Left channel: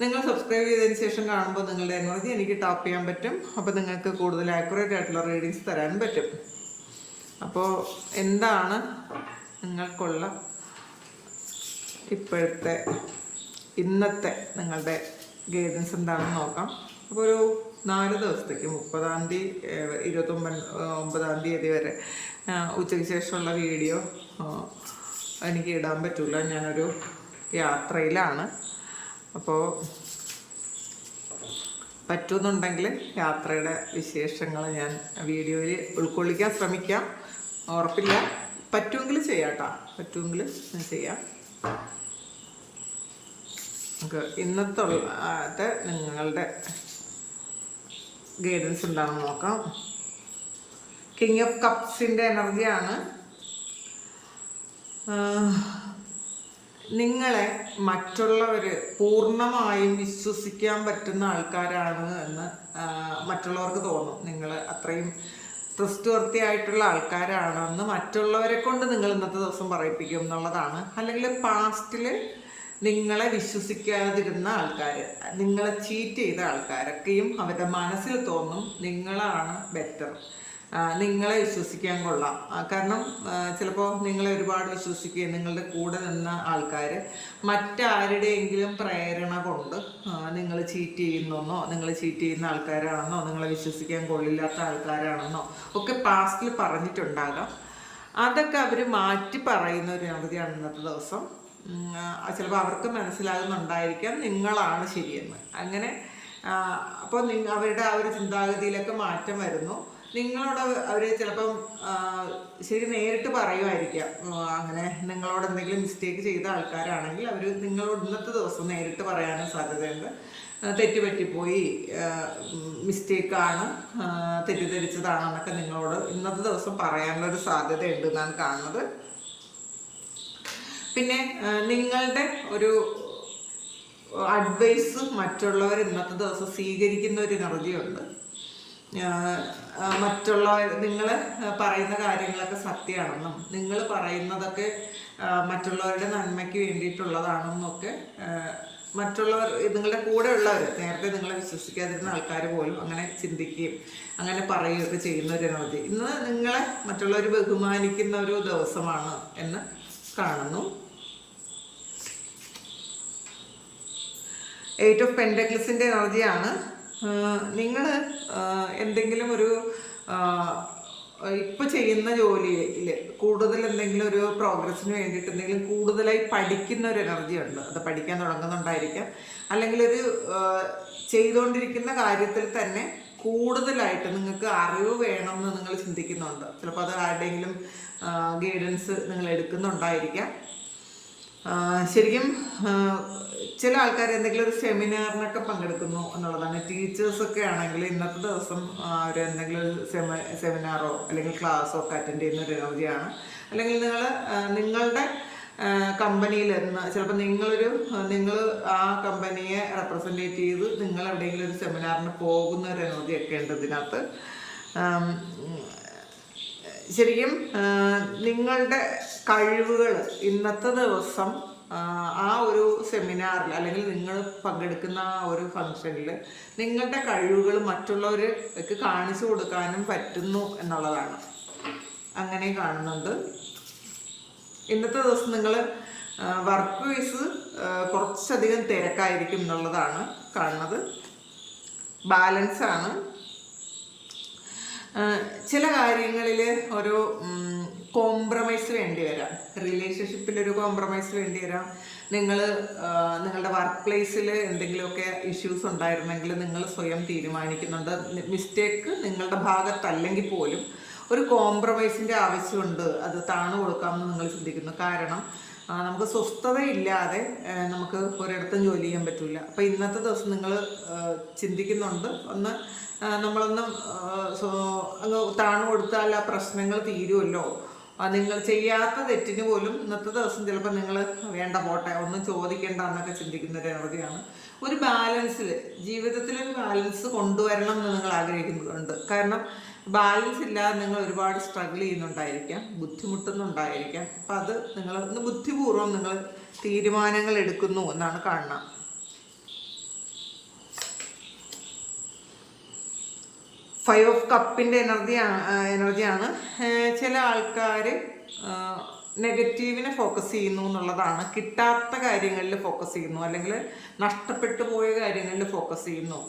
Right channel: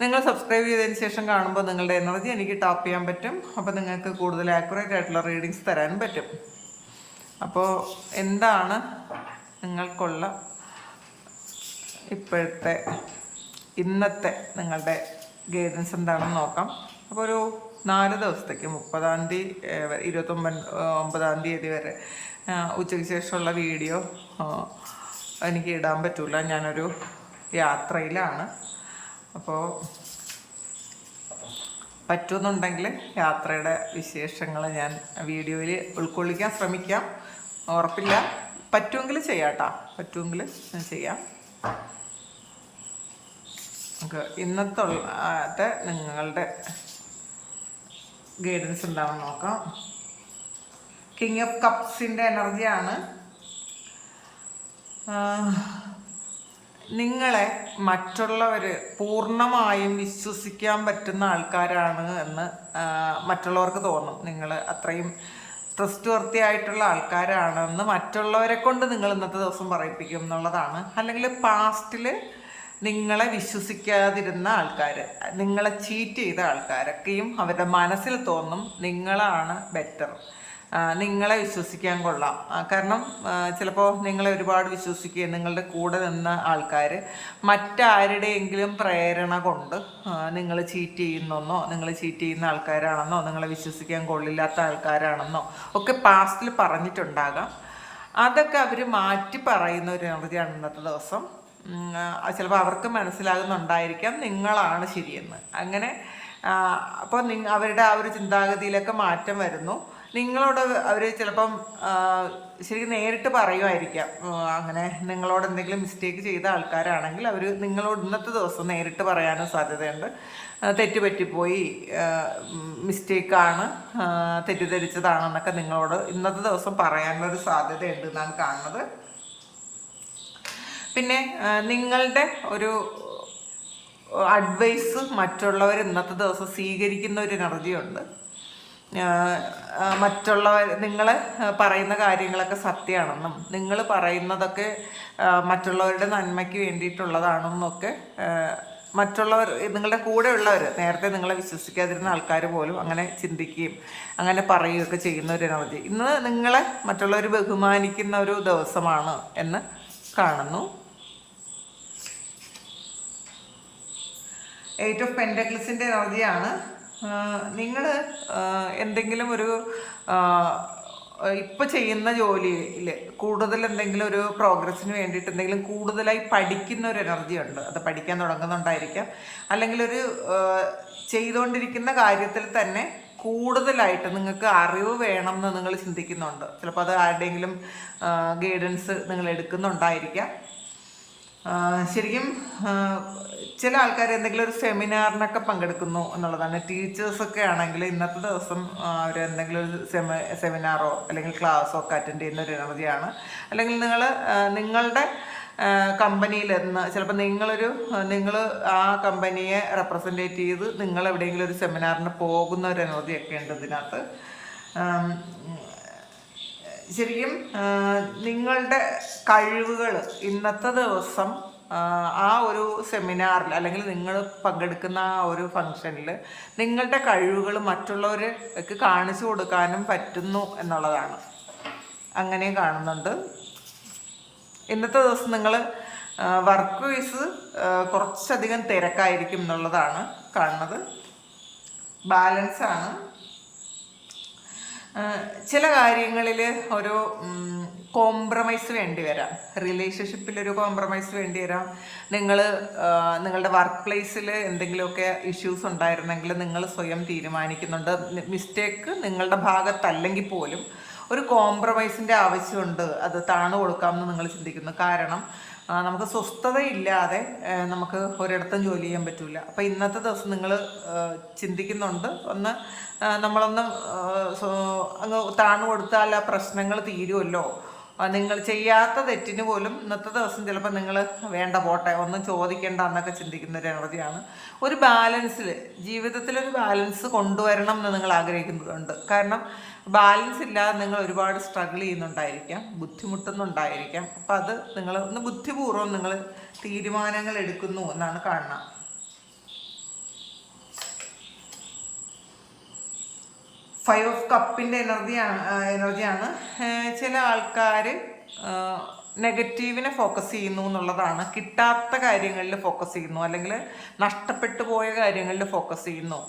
നിങ്ങൾ സബ്സ്ക്രൈബ് ചെയ്തതിന് ശേഷം കാണുമ്പോൾ നിങ്ങളുടെ എനർജി എനിക്ക് ടാപ്പ് ചെയ്യാൻ പറ്റും. അപ്പോൾ നിങ്ങൾക്ക് കൂടുതൽ ആക്യുറേറ്റ് ആയിട്ടുള്ള റീഡിങ്സ് തരാൻ പറ്റും. അപ്പോൾ എന്താണ് നിങ്ങൾക്കുള്ള ഇപ്പോഴത്തെ ഇന്നത്തെ നിങ്ങളുടെ ഗൈഡൻസ് എന്താണെന്ന് നോക്കാം. അപ്പോൾ ഒരു നാല് ദിവസത്തേക്ക് മുപ്പതാം തീയതി ഇരുപത്തൊമ്പത് ഒമ്പതാം തീയതി വരെ ഉച്ചയ്ക്ക് ശേഷമുള്ള വീഡിയോ എനിക്ക് ഇടാൻ പറ്റില്ല ഞാനൊരു യാത്രയിലാണ്. അപ്പോൾ പറ്റുമെന്നുണ്ടെങ്കിൽ യാത്രയുടെ വിശേഷങ്ങൾ ഞാൻ വീഡിയോയിൽ ഉൾക്കൊള്ളിക്കാൻ ശ്രമിക്കാം. ഉറപ്പില്ല. പറ്റുമെങ്കിൽ ചെയ്യാം കേട്ടോ പറ്റുമെങ്കിൽ ചെയ്യാം. നമുക്ക് ഇന്നത്തെ നിങ്ങളുടെ ഗൈഡൻസ് എന്താണെന്ന് നോക്കാം. കിങ് ഓഫ് കപ്സിന്റെ എനർജിയാണ് നിങ്ങളെ മറ്റുള്ളവർ പൂർണമായും വിശ്വസിക്കാൻ പറ്റുന്ന ആൾക്കാരാണ് എന്ന് മറ്റുള്ളവർക്ക് തോന്നും. നിങ്ങൾ അത്രയും ട്രസ്റ്റ് വർത്തി ആയിട്ടുള്ള ആൾക്കാരാണെന്ന് മറ്റുള്ളവരെ കൊണ്ട് നിങ്ങൾ ഇന്നത്തെ ദിവസം പറയിപ്പിക്കും എന്നുള്ളതാണ്. അല്ലെങ്കിൽ പാസ്റ്റിൽ നിങ്ങളെ വിശ്വസിക്കാതിരുന്ന ആൾക്കാർ നിങ്ങളെ ചീറ്റ് ചെയ്ത ആൾക്കാരൊക്കെയും അവരുടെ മനസ്സിൽ തോന്നും നിങ്ങളാണ് ബെറ്റർ. നിങ്ങളെ വിശ്വസിക്കാൻ കൊള്ളാം. കാരണം ചിലപ്പോൾ നിങ്ങളെ ഒരുപാട് വിശ്വസിക്കുകയും നിങ്ങളുടെ കൂടെ നിന്ന ആൾക്കാർ മറ്റാരുടെയെങ്കിലും പ്രേരണ കൊണ്ട് നിങ്ങൾ ചീറ്റ് ചെയ്യുന്നെന്നോ നിങ്ങൾ ചീറ്റ് ചെയ്യുന്ന ആൾക്കാരാണെന്നോ നിങ്ങളെ വിശ്വസിക്കാൻ കൊള്ളില്ലാത്ത ആൾക്കാരാണെന്നോ ഒക്കെ പാസ്റ്റിൽ പറഞ്ഞിട്ടുണ്ടാകാം. അതൊക്കെ അവർ മാറ്റി പറയുന്ന ഒരു എനർജിയാണ് ഇന്നത്തെ ദിവസം. ചിലപ്പോൾ അവർക്ക് മനസ്സിലാകുന്നുണ്ടായിരിക്കാം നിങ്ങളാണ് ശരിയെന്ന്. അങ്ങനെ അപ്പോൾ അവരുടെ ആ ഒരു ചിന്താഗതിയിലൊക്കെ മാറ്റം വരുന്നു. നിങ്ങളോട് അവർ ചിലപ്പം ശരിക്കും നേരിട്ട് പറയുമായിരിക്കാം അങ്ങനെ നിങ്ങളോട് എന്തെങ്കിലും മിസ്റ്റേക്ക് ചെയ്ത ആൾക്കാരാണെങ്കിൽ അവർ നിങ്ങളോട് ഇന്നത്തെ ദിവസം നേരിട്ട് പറയാനും സാധ്യതയുണ്ട്. തെറ്റുപറ്റിപ്പോയി തെറ്റ് പറ്റിപ്പോയി മിസ്റ്റേക്കാണ് തെറ്റിദ്ധരിച്ചതാണെന്നൊക്കെ നിങ്ങളോട് ഇന്നത്തെ ദിവസം പറയാനുള്ളൊരു സാധ്യതയുണ്ട് എന്നാണ് കാണുന്നത്. പിന്നെ നിങ്ങളുടെ ഒരു അഡ്വൈസ് മറ്റുള്ളവർ ഇന്നത്തെ ദിവസം സ്വീകരിക്കുന്ന ഒരു എനർജി ഉണ്ട് മറ്റുള്ളവർ നിങ്ങൾ പറയുന്ന കാര്യങ്ങളൊക്കെ സത്യമാണെന്നും നിങ്ങൾ പറയുന്നതൊക്കെ മറ്റുള്ളവരുടെ നന്മയ്ക്ക് വേണ്ടിയിട്ടുള്ളതാണെന്നൊക്കെ മറ്റുള്ളവർ നിങ്ങളുടെ കൂടെ ഉള്ളവർ നേരത്തെ നിങ്ങളെ വിശ്വസിക്കാതിരുന്ന ആൾക്കാർ പോലും അങ്ങനെ ചിന്തിക്കുകയും അങ്ങനെ പറയുകയൊക്കെ ചെയ്യുന്ന ഒരു എനർജി ഇന്ന് നിങ്ങളെ മറ്റുള്ളവർ ബഹുമാനിക്കുന്ന ഒരു ദിവസമാണ് എന്ന് കാണുന്നു. എയ്റ്റ് ഓഫ് പെൻഡക്ലിസിന്റെ എനർജിയാണ് നിങ്ങൾ എന്തെങ്കിലും ഒരു ഇപ്പോൾ ചെയ്യുന്ന ജോലിയിൽ കൂടുതൽ എന്തെങ്കിലും ഒരു പ്രോഗ്രസ്സിന് വേണ്ടിയിട്ട് എന്തെങ്കിലും കൂടുതലായി പഠിക്കുന്ന ഒരു എനർജി ഉണ്ട്. അത് പഠിക്കാൻ തുടങ്ങുന്നുണ്ടായിരിക്കാം. അല്ലെങ്കിൽ ഒരു ചെയ്തുകൊണ്ടിരിക്കുന്ന കാര്യത്തിൽ തന്നെ കൂടുതലായിട്ട് നിങ്ങൾക്ക് അറിവ് വേണം എന്ന് നിങ്ങൾ ചിന്തിക്കുന്നുണ്ട്. ചിലപ്പോൾ അത് ആരുടെയെങ്കിലും ഗൈഡൻസ് നിങ്ങൾ എടുക്കുന്നുണ്ടായിരിക്കാം. ശരിക്കും ചില ആൾക്കാർ എന്തെങ്കിലും ഒരു സെമിനാറിനൊക്കെ പങ്കെടുക്കുന്നു എന്നുള്ളതാണ്. ടീച്ചേഴ്സൊക്കെ ആണെങ്കിൽ ഇന്നത്തെ ദിവസം അവർ എന്തെങ്കിലും ഒരു സെമ സെമിനാറോ അല്ലെങ്കിൽ ക്ലാസ്സോ ഒക്കെ അറ്റൻഡ് ചെയ്യുന്ന ഒരു എനർജിയാണ് അല്ലെങ്കിൽ നിങ്ങൾ നിങ്ങളുടെ കമ്പനിയിൽ നിന്ന് ചിലപ്പോൾ നിങ്ങളൊരു നിങ്ങൾ ആ കമ്പനിയെ റെപ്രസെന്റേറ്റ് ചെയ്ത് നിങ്ങൾ എവിടെയെങ്കിലും ഒരു സെമിനാറിന് പോകുന്ന ഒരു എനർജിയൊക്കെ ഉണ്ട് ഇതിനകത്ത്. ശരിക്കും നിങ്ങളുടെ കഴിവുകൾ ഇന്നത്തെ ദിവസം ആ, ഒരു സെമിനാറിൽ അല്ലെങ്കിൽ നിങ്ങൾ പങ്കെടുക്കുന്ന ആ ഒരു ഫങ്ഷനിൽ നിങ്ങളുടെ കഴിവുകൾ മറ്റുള്ളവർക്ക് കാണിച്ചു കൊടുക്കാനും പറ്റുന്നു എന്നുള്ളതാണ്. അങ്ങനെ കാണുന്നുണ്ട്. ഇന്നത്തെ ദിവസം നിങ്ങൾ വർക്ക് വൈസ് കുറച്ചധികം തിരക്കായിരിക്കും എന്നുള്ളതാണ് കാണുന്നത്. ബാലൻസാണ്. ചില കാര്യങ്ങളിൽ ഒരു കോംപ്രമൈസ് വേണ്ടി വരാം. റിലേഷൻഷിപ്പിൽ ഒരു കോംപ്രമൈസ് വേണ്ടി വരാം. നിങ്ങൾ നിങ്ങളുടെ വർക്ക് പ്ലേസിൽ എന്തെങ്കിലുമൊക്കെ ഇഷ്യൂസ് ഉണ്ടായിരുന്നെങ്കിൽ നിങ്ങൾ സ്വയം തീരുമാനിക്കുന്നുണ്ട്. മിസ്റ്റേക്ക് നിങ്ങളുടെ ഭാഗത്തല്ലെങ്കിൽ പോലും ഒരു കോംപ്രമൈസിന്റെ ആവശ്യമുണ്ട്. അത് താണു കൊടുക്കാമെന്ന് നിങ്ങൾ ചിന്തിക്കുന്നു. കാരണം നമുക്ക് സ്വസ്ഥതയില്ലാതെ നമുക്ക് ഒരിടത്തും ജോലി ചെയ്യാൻ പറ്റില്ല അപ്പോൾ ഇന്നത്തെ ദിവസം നിങ്ങൾ ചിന്തിക്കുന്നുണ്ട്. ഒന്ന് നമ്മളൊന്ന് അങ്ങ് താണു കൊടുത്താൽ ആ പ്രശ്നങ്ങൾ തീരുമല്ലോ നിങ്ങൾ ചെയ്യാത്ത തെറ്റിന് പോലും ഇന്നത്തെ ദിവസം ചിലപ്പോൾ നിങ്ങൾ വേണ്ട പോട്ടെ ഒന്നും ചോദിക്കേണ്ട എന്നൊക്കെ ചിന്തിക്കുന്ന ഒരു എനർജിയാണ് ഒരു ബാലൻസിൽ ജീവിതത്തിൽ ഒരു ബാലൻസ് കൊണ്ടുവരണം എന്ന് നിങ്ങൾ ആഗ്രഹിക്കുന്നുണ്ട് കാരണം ബാലൻസ് ഇല്ലാതെ നിങ്ങൾ ഒരുപാട് സ്ട്രഗിൾ ചെയ്യുന്നുണ്ടായിരിക്കാം ബുദ്ധിമുട്ടുന്നുണ്ടായിരിക്കാം. അപ്പം അത് നിങ്ങൾ ഒന്ന് ബുദ്ധിപൂർവം നിങ്ങൾ തീരുമാനങ്ങൾ എടുക്കുന്നു എന്നാണ് കാണുന്നത്. ഫൈവ് ഓഫ് കപ്പിന്റെ എനർജിയാണ്. എനർജിയാണ് ചില ആൾക്കാർ നെഗറ്റീവിനെ ഫോക്കസ് ചെയ്യുന്നു എന്നുള്ളതാണ്. കിട്ടാത്ത കാര്യങ്ങളിൽ ഫോക്കസ് ചെയ്യുന്നു. അല്ലെങ്കിൽ നഷ്ടപ്പെട്ടു പോയ കാര്യങ്ങളിൽ ഫോക്കസ് ചെയ്യുന്നു.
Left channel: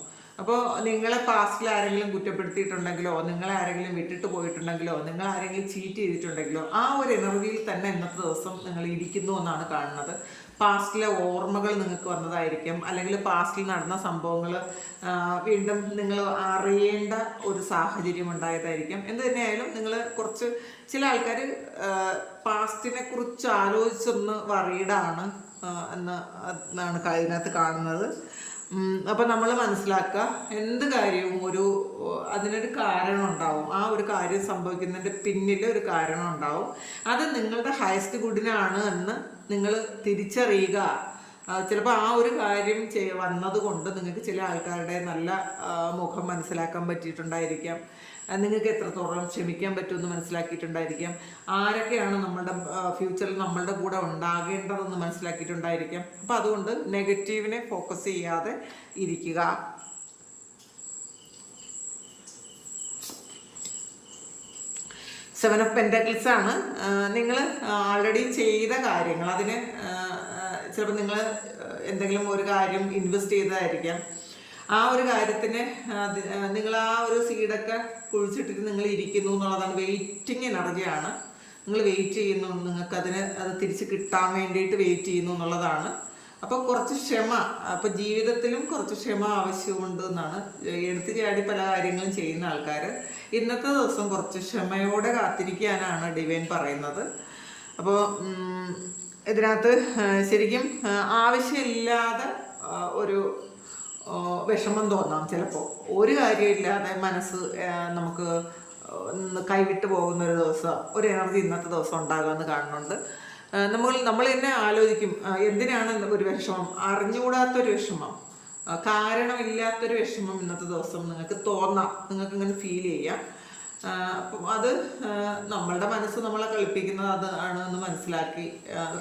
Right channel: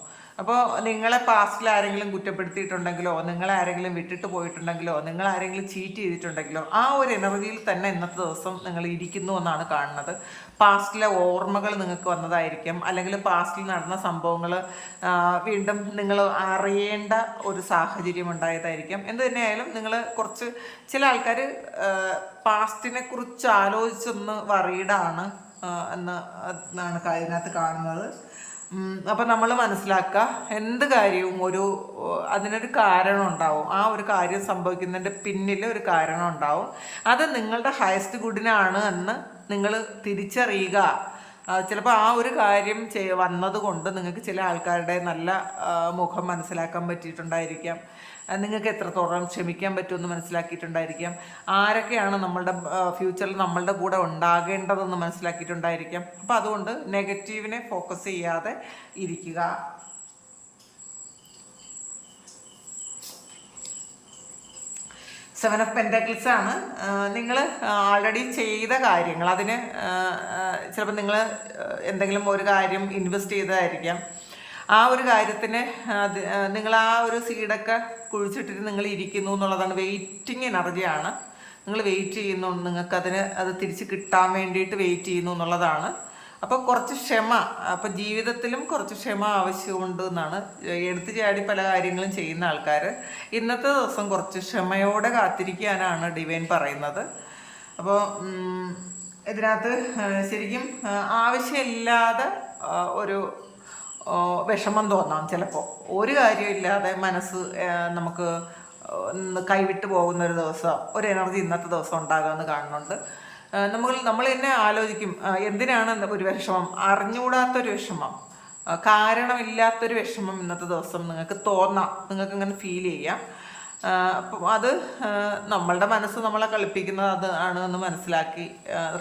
അപ്പോൾ നിങ്ങളെ പാസ്റ്റിൽ ആരെങ്കിലും കുറ്റപ്പെടുത്തിയിട്ടുണ്ടെങ്കിലോ നിങ്ങളെ ആരെങ്കിലും വിട്ടിട്ട് പോയിട്ടുണ്ടെങ്കിലോ നിങ്ങൾ ആരെങ്കിലും ചീറ്റ് ചെയ്തിട്ടുണ്ടെങ്കിലോ ആ ഒരു എനർജിയിൽ തന്നെ ഇന്നത്തെ ദിവസം നിങ്ങൾ ഇരിക്കുന്നു എന്നാണ് കാണുന്നത്. പാസ്റ്റിലെ ഓർമ്മകൾ നിങ്ങൾക്ക് വന്നതായിരിക്കും. അല്ലെങ്കിൽ പാസ്റ്റിൽ നടന്ന സംഭവങ്ങൾ വീണ്ടും നിങ്ങൾ അറിയേണ്ട ഒരു സാഹചര്യം ഉണ്ടായതായിരിക്കും. എന്ത് തന്നെയായാലും നിങ്ങൾ കുറച്ച് ചില ആൾക്കാർ പാസ്റ്റിനെ കുറിച്ച് ആലോചിച്ചൊന്ന് വറീഡാണ് എന്ന് എന്നാണ് ഇതിനകത്ത് കാണുന്നത്. അപ്പം നമ്മൾ മനസ്സിലാക്കുക എന്ത് കാര്യവും ഒരു അതിനൊരു കാരണം ഉണ്ടാവും. ആ ഒരു കാര്യം സംഭവിക്കുന്നതിന്റെ പിന്നിൽ ഒരു കാരണം ഉണ്ടാവും. അത് നിങ്ങളുടെ ഹയസ്റ്റ് ഗുഡിനാണ് എന്ന് നിങ്ങൾ തിരിച്ചറിയുക. ചിലപ്പോൾ ആ ഒരു കാര്യം ചെയ് വന്നതുകൊണ്ട് നിങ്ങൾക്ക് ചില ആൾക്കാരുടെ നല്ല മുഖം മനസ്സിലാക്കാൻ പറ്റിയിട്ടുണ്ടായിരിക്കാം. നിങ്ങൾക്ക് എത്രത്തോളം ക്ഷമിക്കാൻ പറ്റുമെന്ന് മനസ്സിലാക്കിയിട്ടുണ്ടായിരിക്കാം. ആരൊക്കെയാണ് നമ്മളുടെ ഫ്യൂച്ചറിൽ നമ്മളുടെ കൂടെ ഉണ്ടാകേണ്ടതെന്ന് മനസ്സിലാക്കിയിട്ടുണ്ടായിരിക്കാം. അപ്പം അതുകൊണ്ട് നെഗറ്റീവിനെ ഫോക്കസ് ചെയ്യാതെ ഇരിക്കുക. സെവൻ ഓഫ് പെന്റാക്കിൾസ് ആണ് നിങ്ങൾ ആൾറെഡി ചെയ്ത കാര്യങ്ങൾ. അതിന് ചിലപ്പോൾ നിങ്ങൾ എന്തെങ്കിലും ഒരു കാര്യം ഇൻവെസ്റ്റ് ചെയ്തതായിരിക്കാം. ആ ഒരു കാര്യത്തിന് നിങ്ങൾ ആ ഒരു സീഡൊക്കെ കുഴിച്ചിട്ടിട്ട് നിങ്ങൾ ഇരിക്കുന്നു എന്നുള്ളതാണ് വെയിറ്റിംഗ് എനർജിയാണ്. നിങ്ങൾ വെയിറ്റ് ചെയ്യുന്നു നിങ്ങൾക്കതിന് അത് തിരിച്ച് കിട്ടാൻ വേണ്ടിയിട്ട് വെയിറ്റ് ചെയ്യുന്നു എന്നുള്ളതാണ്. അപ്പോൾ കുറച്ച് ക്ഷമ അപ്പോൾ ജീവിതത്തിലും കുറച്ച് ക്ഷമ ആവശ്യമുണ്ട് എന്നാണ്. എടുത്തു ചാടി പല കാര്യങ്ങളും ചെയ്യുന്ന ആൾക്കാർ ഇന്നത്തെ ദിവസം കുറച്ച് ക്ഷമയോടെ കാത്തിരിക്കാനാണ് ഡിവൈൻ പറയുന്നത്. അപ്പോൾ ഇതിനകത്ത് ശരിക്കും ആവശ്യമില്ലാതെ ഒരു വിഷമം തോന്നാം ചിലപ്പോൾ ഒരു കാര്യമില്ലാതെ മനസ്സ് നമുക്ക് കൈവിട്ട് പോകുന്ന ഒരു ദിവസം ഒരു എനർജി ഇന്നത്തെ ദിവസം ഉണ്ടാകുമെന്ന് കാണുന്നുണ്ട്. നമ്മൾ നമ്മൾ തന്നെ ആലോചിക്കും എന്തിനാണ് ഒരു വിഷമം? അറിഞ്ഞുകൂടാത്തൊരു വിഷമം കാരണമില്ലാത്തൊരു വിഷമം ഇന്നത്തെ ദിവസം നിങ്ങൾക്ക് തോന്നാം നിങ്ങൾക്ക് ഇങ്ങനെ ഫീൽ ചെയ്യാം. അപ്പം അത് നമ്മളുടെ മനസ്സ് നമ്മളെ കളിപ്പിക്കുന്നത് അത് ആണ് എന്ന് മനസ്സിലാക്കി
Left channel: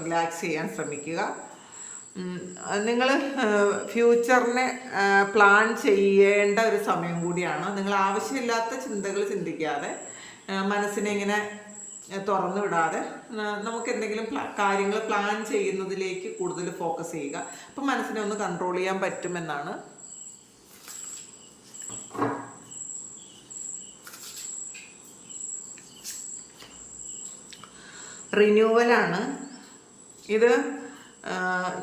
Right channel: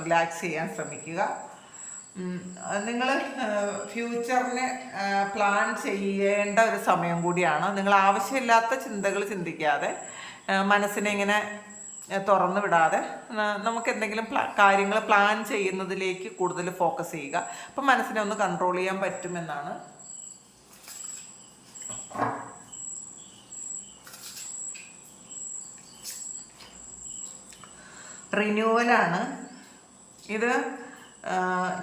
റിലാക്സ് ചെയ്യാൻ ശ്രമിക്കുക. നിങ്ങൾ ഫ്യൂച്ചറിനെ പ്ലാൻ ചെയ്യേണ്ട ഒരു സമയം കൂടിയാണ്. നിങ്ങൾ ആവശ്യമില്ലാത്ത ചിന്തകൾ ചിന്തിക്കാതെ മനസ്സിനെ ഇങ്ങനെ തുറന്നു വിടാതെ നമുക്ക് എന്തെങ്കിലും കാര്യങ്ങൾ പ്ലാൻ ചെയ്യുന്നതിലേക്ക് കൂടുതൽ ഫോക്കസ് ചെയ്യുക. അപ്പം മനസ്സിനെ ഒന്ന് കൺട്രോൾ ചെയ്യാൻ പറ്റുമെന്നാണ്. റിന്യൂവലാണ് ഇത്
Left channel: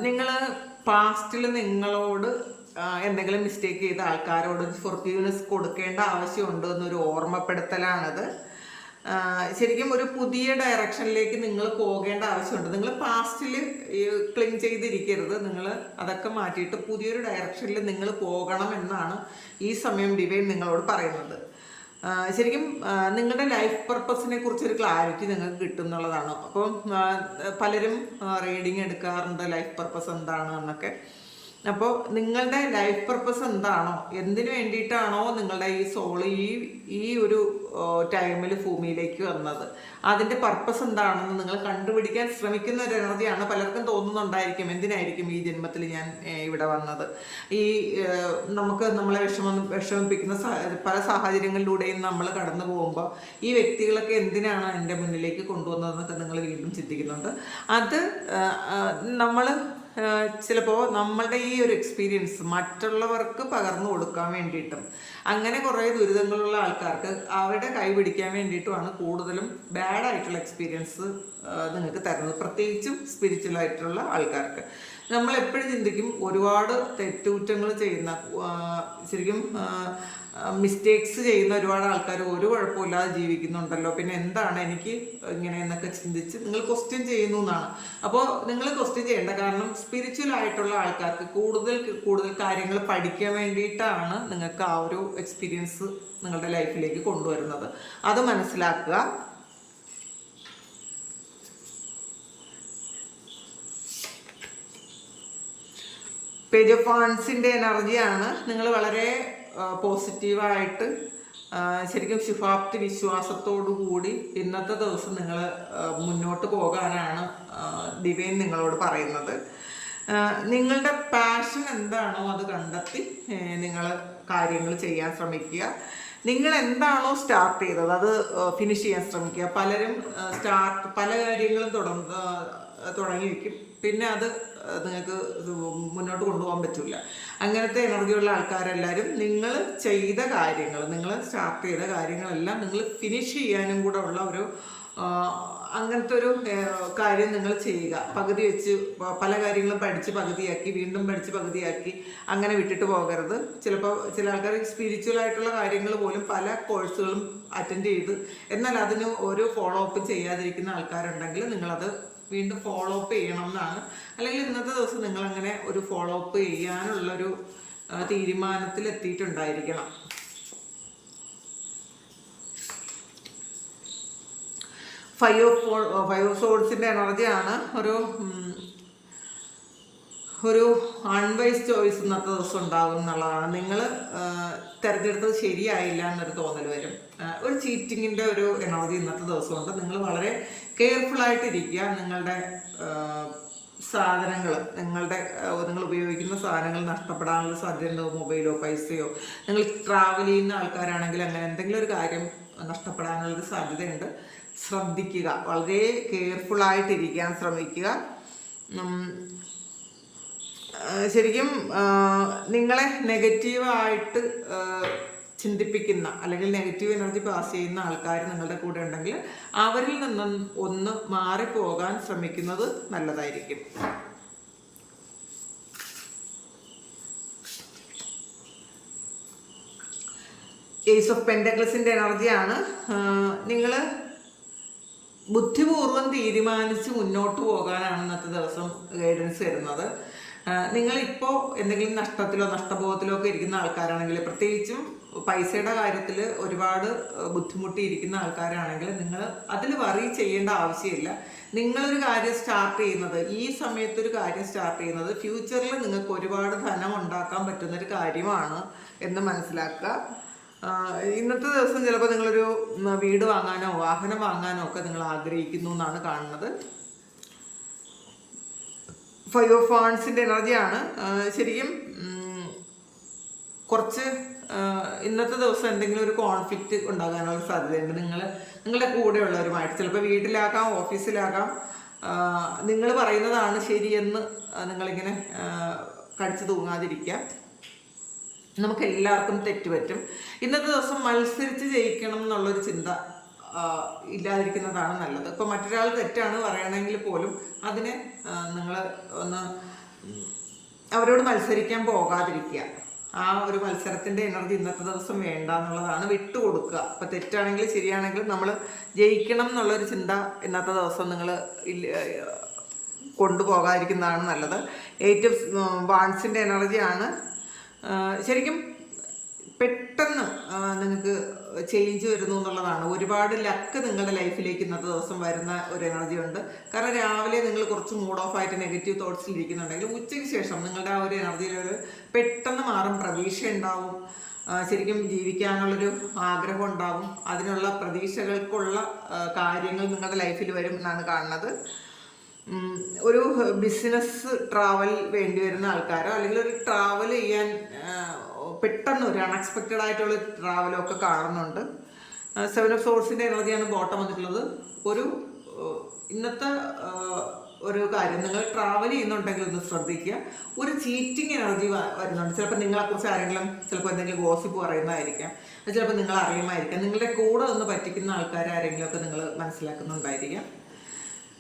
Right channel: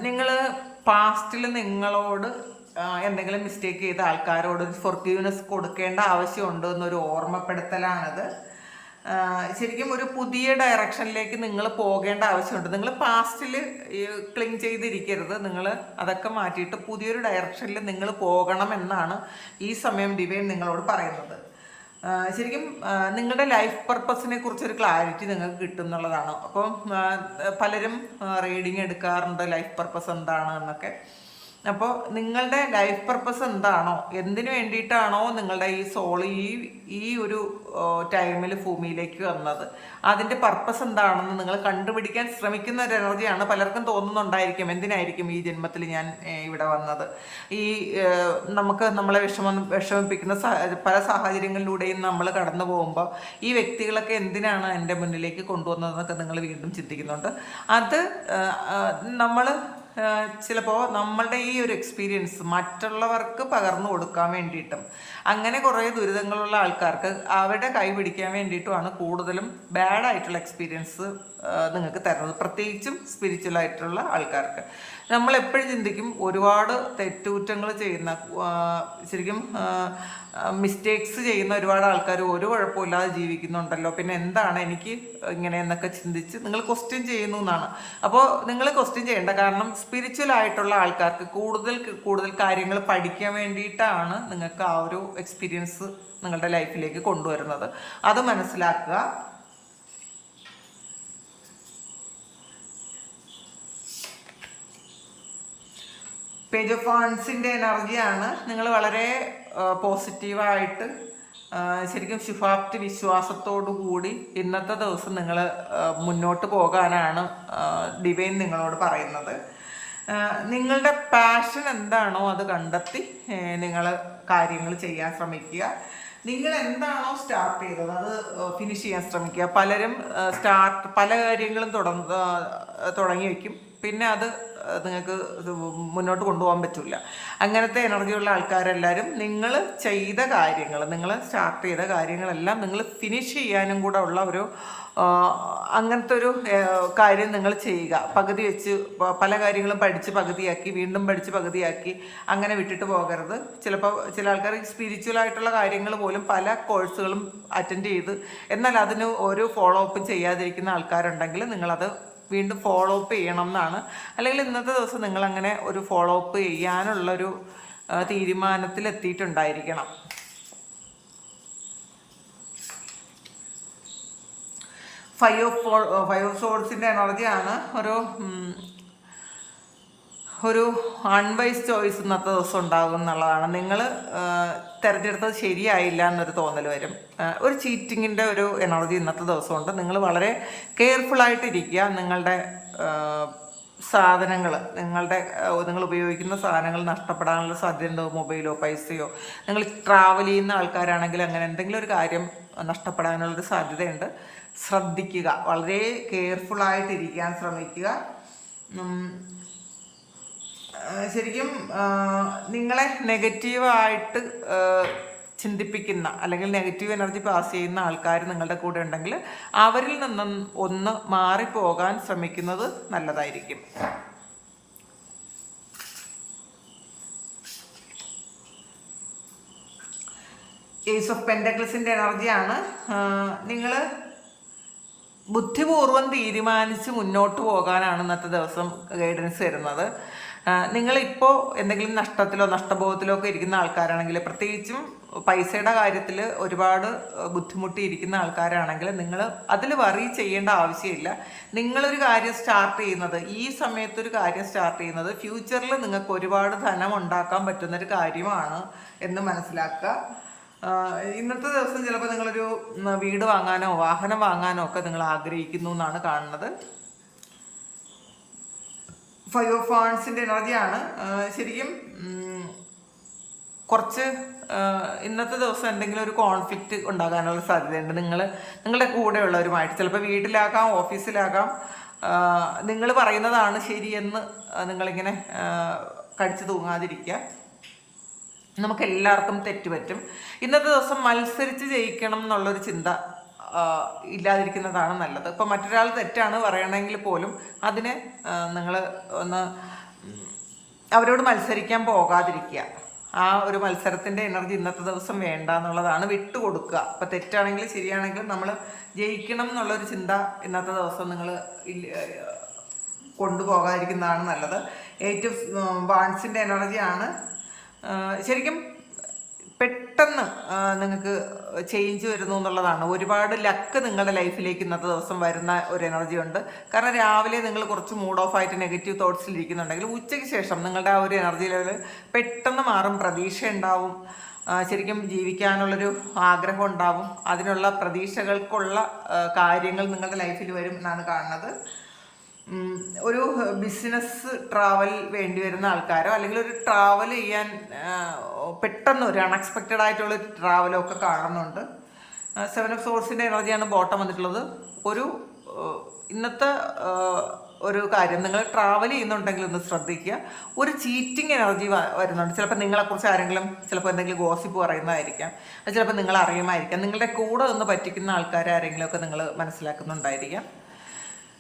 നിങ്ങൾ പാസ്റ്റിൽ നിങ്ങളോട് എന്തെങ്കിലും മിസ്റ്റേക്ക് ചെയ്ത ആൾക്കാരോട് ഫൊർഗീവ്നെസ് കൊടുക്കേണ്ട ആവശ്യമുണ്ട് എന്നൊരു ഓർമ്മപ്പെടുത്തലാണത്. ശരിക്കും ഒരു പുതിയ ഡയറക്ഷനിലേക്ക് നിങ്ങൾ പോകേണ്ട ആവശ്യമുണ്ട്. നിങ്ങൾ പാസ്റ്റിൽ ക്ലിങ് ചെയ്തിരിക്കരുത്. നിങ്ങൾ അതൊക്കെ മാറ്റിയിട്ട് പുതിയൊരു ഡയറക്ഷനിൽ നിങ്ങൾ പോകണം എന്നാണ് ഈ സമയം ഡിവൈൻ നിങ്ങളോട് പറയുന്നത്. ശരിക്കും നിങ്ങളുടെ ലൈഫ് പർപ്പസിനെ കുറിച്ചൊരു ക്ലാരിറ്റി നിങ്ങൾക്ക് കിട്ടും എന്നുള്ളതാണ്. അപ്പം പലരും റീഡിങ് എടുക്കാറുണ്ട് ലൈഫ് പർപ്പസ് എന്താണ് എന്നൊക്കെ. അപ്പോൾ നിങ്ങളുടെ ലൈഫ് പർപ്പസ് എന്താണോ? എന്തിനു വേണ്ടിയിട്ടാണോ നിങ്ങളുടെ ഈ സോൾ ഈ ഈ ഒരു ടൈമിൽ ഭൂമിയിലേക്ക് വന്നത്? അതിന്റെ പർപ്പസ് എന്താണെന്ന് നിങ്ങൾ കണ്ടുപിടിക്കാൻ ശ്രമിക്കുന്ന ഒരു എനർജിയാണ് പലർക്കും തോന്നുന്നുണ്ടായിരിക്കും. എന്തിനായിരിക്കും ഈ ജന്മത്തിൽ ഞാൻ ഇവിടെ വന്നത്? ഈ നമുക്ക് നമ്മളെ വിഷമം വിഷമിപ്പിക്കുന്ന പല സാഹചര്യങ്ങളിലൂടെയും നമ്മൾ കടന്നു പോകുമ്പോൾ ഈ വ്യക്തികളൊക്കെ എന്തിനാണ് എന്റെ മുന്നിലേക്ക് കൊണ്ടുവന്നതെന്നൊക്കെ നിങ്ങൾ വീണ്ടും ചിന്തിക്കുന്നുണ്ട്. അത് നമ്മൾ ചിലപ്പോൾ നമ്മളുടെ ഈ ഒരു എക്സ്പീരിയൻസ് മറ്റുള്ളവർക്ക് പകർന്നു കൊടുക്കാൻ വേണ്ടിയിട്ടും അങ്ങനെ കുറേ ദുരിതങ്ങളുള്ള ആൾക്കാർക്ക് അവരുടെ കൈ പിടിക്കാൻ വേണ്ടിയിട്ടുമാണ് കൂടുതലും ബാഡ് ആയിട്ടുള്ള എക്സ്പീരിയൻസ് നിങ്ങൾക്ക് തരുന്നത്. പ്രത്യേകിച്ചും സ്പിരിച്വൽ ആയിട്ടുള്ള ആൾക്കാർക്ക്. നമ്മൾ എപ്പോഴും ചിന്തിക്കും ഒരുപാട് തെറ്റുകുറ്റങ്ങൾ ചെയ്യുന്ന ശരിക്കും മിസ്റ്റേക്സ് ചെയ്യുന്ന ഒരുപാട് ആൾക്കാർ ഒരു കുഴപ്പമില്ലാതെ ജീവിക്കുന്നുണ്ടല്ലോ. പിന്നെ എന്താണ് എനിക്ക് ഇങ്ങനെ എന്നൊക്കെ ചിന്തിച്ച് നിങ്ങൾ ക്വസ്റ്റ്യൻ ചെയ്യുന്നു എന്നാണ്. അപ്പോൾ നിങ്ങൾ ക്വസ്റ്റ്യൻ ചെയ്യേണ്ട കാരണം സ്പിരിച്വൽ ആയിട്ടുള്ള ആൾക്കാർക്ക് കൂടുതൽ കൂടുതൽ കാര്യങ്ങൾ പഠിക്കാൻ വേണ്ടിയിട്ടാണ് നിങ്ങൾക്ക് ആ ഒരു എക്സ്പീരിയൻസ് നിങ്ങളുടെ ലൈഫിലേക്ക് കൊണ്ടുവരുന്നത്. അത് മനസ്സിലാക്കുക. പേജ് ഓഫ് ഫാൻസിന്റെ എനർജിയാണ് നിങ്ങൾ വളരെ പോസിറ്റീവായിട്ട് ശരിക്കും ശുഭാപ്തി വിശ്വാസത്തോടു കൂടി ഇന്നത്തെ ദിവസം നിങ്ങൾ മുന്നോട്ട് പോകാനാണ് ഡിവൈൻ നിങ്ങളോട് പറയുന്നത്. നിങ്ങളുടെ പാഷൻ എന്താണോ അത് കണ്ടെത്തി നിങ്ങൾ കാര്യങ്ങൾ ചെയ്യാൻ ശ്രമിക്കുക. നിങ്ങൾ എന്താണോ സ്റ്റാർട്ട് ചെയ്തത് അത് ഫിനിഷ് ചെയ്യാൻ ശ്രമിക്കുക. പലരും സ്റ്റാർട്ട് പല കാര്യങ്ങളും തുടങ്ങി വയ്ക്കും പിന്നെ അത് നിങ്ങൾക്ക് മുന്നോട്ട് കൊണ്ടുപോകാൻ പറ്റില്ല. അങ്ങനത്തെ എനർജിയുള്ള ആൾക്കാരെല്ലാവരും നിങ്ങൾ ചെയ്ത കാര്യങ്ങൾ നിങ്ങൾ സ്റ്റാർട്ട് ചെയ്ത കാര്യങ്ങളെല്ലാം നിങ്ങൾ ഫിനിഷ് ചെയ്യാനും കൂടെ ഉള്ള ഒരു അങ്ങനത്തെ ഒരു കാര്യം നിങ്ങൾ ചെയ്യുക. പകുതി വെച്ച് പല കാര്യങ്ങളും പഠിച്ച് പകുതിയാക്കി വീണ്ടും പഠിച്ച് പകുതിയാക്കി അങ്ങനെ വിട്ടിട്ട് പോകരുത്. ചിലപ്പോൾ ചില ആൾക്കാർ സ്പിരിച്വൽ ആയിട്ടുള്ള കാര്യങ്ങൾ പോലും പല കോഴ്സുകളും അറ്റൻഡ് ചെയ്ത് എന്നാൽ അതിന് ഒരു ഫോളോ അപ്പ് ചെയ്യാതിരിക്കുന്ന ആൾക്കാരുണ്ടെങ്കിൽ നിങ്ങളത് വീണ്ടും ഫോളോ അപ്പ് ചെയ്യണം എന്നാണ്. അല്ലെങ്കിൽ ഇന്നത്തെ ദിവസം നിങ്ങൾ അങ്ങനെ ഒരു ഫോളോ അപ്പ് ചെയ്യാനുള്ളൊരു തീരുമാനത്തിലെത്തിയിട്ടുണ്ടായിരിക്കണം ഫൈവ് ഓഫ് ഫൈവ് ഓഫ് സോഡ്സിന്റെ എനർജിയാണ് ഒരു ഒരു അൺവൈസ് ചോയ്സ് ഇന്നത്തെ ദിവസം ഉണ്ടാകും എന്നുള്ളതാണ്. നിങ്ങൾ തിരഞ്ഞെടുത്തത് ശരിയായില്ല എന്നൊരു തോന്നൽ വരും. ഒരു ചീറ്റിങ്ങിന്റെ ഒരു എനർജി ഇന്നത്തെ ദിവസമുണ്ട്. നിങ്ങൾ വളരെ കെയർഫുള്ളായിട്ടിരിക്കുക നിങ്ങളുടെ സാധനങ്ങൾ നിങ്ങളുടെ നിങ്ങൾ ഉപയോഗിക്കുന്ന സാധനങ്ങൾ നഷ്ടപ്പെടാനുള്ള സാധ്യതയുണ്ടോ? മൊബൈലോ പൈസയോ? നിങ്ങൾ ട്രാവൽ ചെയ്യുന്ന ആൾക്കാരാണെങ്കിൽ അങ്ങനെ എന്തെങ്കിലും ഒരു കാര്യം നഷ്ടപ്പെടാനുള്ളൊരു സാധ്യതയുണ്ട്. ശ്രദ്ധിക്കുക. വളരെ കെയർഫുള്ളായിട്ടിരിക്കാൻ ശ്രമിക്കുക. ശരിക്കും നിങ്ങളെ നെഗറ്റീവായിട്ട് ചിന്തിപ്പിക്കുന്ന അല്ലെങ്കിൽ നെഗറ്റീവ് എനർജി പാസ് ചെയ്യുന്ന ആൾക്കാർ നിങ്ങളുടെ കൂടെ ഉണ്ടെങ്കിൽ അവരിൽ നിന്നും ഒന്ന് മാറിപ്പോകാൻ ശ്രമിക്കുന്നത് നല്ലതായിരിക്കും. ഏസ് ഓഫ് പെൻഡക്ലസിന്റെ എനർജിയാണ് നിങ്ങൾ ബുദ്ധിപൂർവം തീരുമാനിച്ച് മുന്നോട്ട് പോകാനാണ് ഇന്നത്തെ ദിവസം ഗൈഡൻസ് തരുന്നത്. നിങ്ങളിപ്പോൾ എന്തെങ്കിലും നഷ്ടത്തിലോ നഷ്ടബോധത്തിലോ ഒക്കെ ഇരിക്കുന്ന ആൾക്കാരാണെങ്കിൽ പ്രത്യേകിച്ചും പൈസയുടെ കാര്യത്തിൽ ഒരുപാട് ബുദ്ധിമുട്ടിയിരിക്കുന്ന ആൾക്കാരാണെങ്കിൽ നിങ്ങൾ അതിൽ വറി ചെയ്യേണ്ട ആവശ്യമില്ല. നിങ്ങളൊരു കാര്യം സ്റ്റാർട്ട് ചെയ്യുന്നത് ഈ സമയത്ത് ഒരു കാര്യം സ്റ്റാർട്ട് ചെയ്യുന്നത് ഫ്യൂച്ചറിൽ നിങ്ങൾക്ക് ഒരുപാട് ധനം ഉണ്ടാക്കാൻ പറ്റുന്നൊരു കാര്യമാണ് എന്ന് മനസ്സിലാക്കുക. ഇന്നത്തെ ദിവസം ചിലപ്പോൾ നിങ്ങളൊരു വീട് വാങ്ങാനോ വാഹനം വാങ്ങാനോ ഒക്കെ നിങ്ങൾ ആഗ്രഹിക്കുന്നു എന്നാണ് കാണുന്നത്. ഫൈവ് ഓഫ് ഫാൺസിന്റെ എനർജിയാണ് ശരിക്കും കുറച്ച് ഇന്നത്തെ ദിവസം എന്തെങ്കിലും ഒരു കോൺഫ്ലിക്റ്റ് ഉണ്ടാകാനുള്ള സാധ്യതയുണ്ട്. നിങ്ങൾ നിങ്ങളുടെ കൂടെയുള്ളവരുമായിട്ട്. ചിലപ്പോൾ വീട്ടിലാകാം ഓഫീസിലാകാം നിങ്ങൾ പറയുന്നതാണ് ശരിയെന്ന് നിങ്ങളിങ്ങനെ കടിച്ചു തൂങ്ങാതിരിക്കുക. നമുക്ക് എല്ലാവർക്കും തെറ്റുപറ്റും. ഇന്നത്തെ ദിവസം മത്സരിച്ച് ജയിക്കണം എന്നുള്ളൊരു ചിന്ത ഇല്ലാതിരിക്കുന്നതാണ് നല്ലത്. ഇപ്പം മറ്റൊരാൾ തെറ്റാണ് പറയണമെങ്കിൽ പോലും അതിനെ നിങ്ങൾ ഒന്ന് അവരോട് മത്സരിക്കാൻ പോകാതിരിക്കുക. ആ ഒരു മത്സരത്തിന്റെ എനർജി ഇന്നത്തെ ദിവസം വേണ്ട എന്നുള്ളതാണ് വിട്ടുകൊടുക്കുക ഇപ്പം തെറ്റാണെങ്കിലും ശരിയാണെങ്കിലും നമ്മൾ ജയിക്കണം എന്നുള്ളൊരു ചിന്ത ഇന്നത്തെ ദിവസം നിങ്ങൾ കൊണ്ടുപോകാതിരിക്കുന്നതാണ് നല്ലത്. എയ്റ്റ് ഓഫ് വാൺസിന്റെ എനർജിയാണ് ശരിക്കും പെട്ടെന്ന് നിങ്ങൾക്ക് ചേഞ്ച് വരുന്നു എന്നുള്ളതാണ്. ഒരുപാട് ലക്ക് നിങ്ങളുടെ ലൈഫിലേക്ക് ഇന്നത്തെ ദിവസം വരുന്ന ഒരു എനർജി ഉണ്ട്. കാരണം രാവിലെ നിങ്ങൾ കുറച്ച് മൂഡ് ഓഫ് ആയിട്ട് നെഗറ്റീവ് തോട്ട്സിൽ ഇരിക്കുന്നുണ്ടെങ്കിൽ ഉച്ചയ്ക്ക് ശേഷം നിങ്ങളുടെ ആ ഒരു എനർജി ലെവൽ പെട്ടെന്ന് മാറും. പ്രതീക്ഷ ഉണ്ടാവും. ശരിക്കും ജീവിക്കാനുള്ളൊരു ആഗ്രഹം ഉണ്ടാവും. അതിനുള്ള പ്രതീക്ഷകൾക്കുള്ള കാര്യങ്ങൾ നിങ്ങളുടെ ലൈഫിൽ വരും എന്നാണ് കാണുന്നത്. ഒരു ബിസിനസ് ട്രാവൽ വേണ്ടി വരുന്ന ആൾക്കാരോ അല്ലെങ്കിൽ ഒരു ട്രാവൽ ചെയ്യാൻ പെട്ടെന്ന് ഒരു അൺഎക്സ്പെക്റ്റഡ് ആയിട്ടുള്ള ട്രാവലോ ഒക്കെ കാണുന്നുണ്ട്. സെവൻ ഓഫ് സോഴ്സിന്റെ എനർജിയാണ് ബോട്ടം വന്നിട്ടുള്ളത്. ഒരു ഇന്നത്തെ ഒരു കാര്യം നിങ്ങൾ ട്രാവൽ ചെയ്യുന്നുണ്ടെങ്കിൽ ഒന്ന് ശ്രദ്ധിക്കുക. ഒരു ചീറ്റിംഗ് എനർജി വരുന്നുണ്ട്. ചിലപ്പോൾ നിങ്ങളെക്കുറിച്ച് ആരെങ്കിലും ചിലപ്പോൾ എന്തെങ്കിലും ഗോസിപ്പ് പറയുന്നതായിരിക്കാം. അത് ചിലപ്പോൾ നിങ്ങൾ അറിയുമായിരിക്കാം നിങ്ങളുടെ കൂടെ ഒന്ന് പറ്റിക്കുന്ന ആൾക്കാരെ ആരെങ്കിലുമൊക്കെ നിങ്ങൾ മനസ്സിലാക്കുന്നുണ്ടായിരിക്കാം.